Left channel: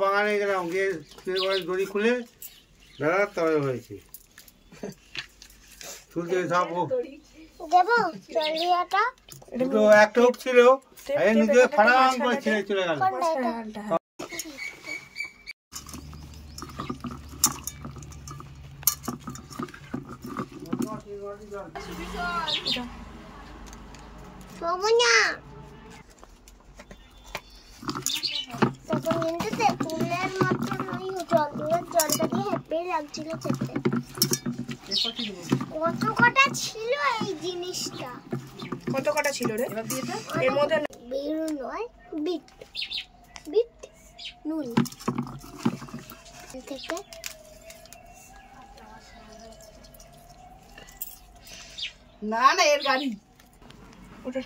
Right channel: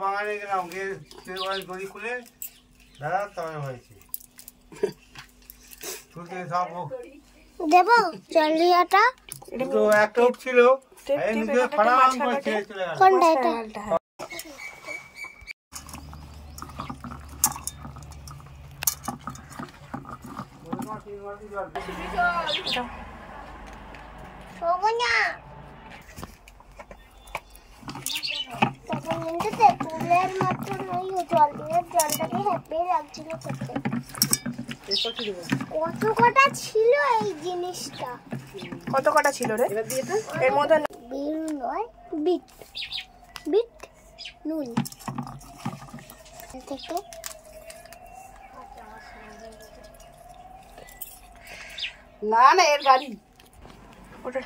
বাগানে গেলাম, গিয়ে দড়ি খুলে বেড়ার তবে হয়েছে শুধু সব দেবো চলিয়াটা একটা হুক ছিল নিজে ফাড়াম করে ছেড়ে চলে গেল। ফুলের মতন ওই জলটা দিয়ে হ্যাপি লাগছিল খেতে। কত কটা ছিল এই জিনিসটা? কত কটা ছিল রে এর মধ্যে? বিট নয়, বিট বিট নুন থেকে না না এর গাড়ি ওটা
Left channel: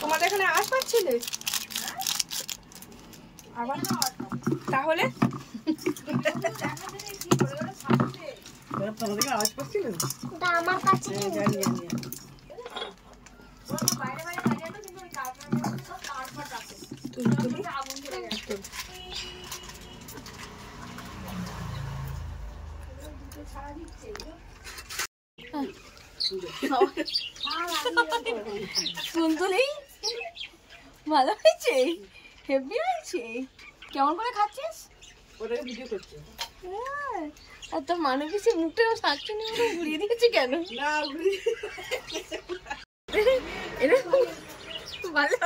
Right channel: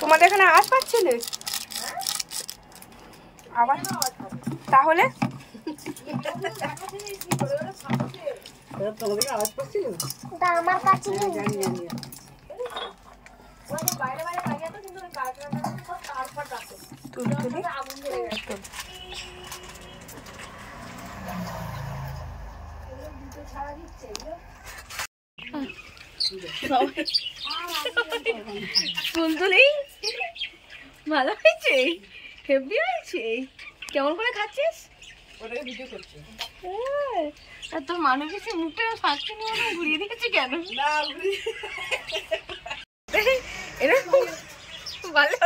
তোমাদের এখানে আওয়াজ পাচ্ছিলে আবার তাহলে তোমাদের আওয়াজ পাচ্ছিল আমার কাছে জানি জানি তুলি তুলি তুলতুলি ভালো হয়েছে, হেভি হয়েছে। কেমন করে খাচ্ছিস? আর তোর মানুষ বেশি মুখটা থাকছে না, ঘুরিয়ে দিয়েছে কেন? এরকম ভালো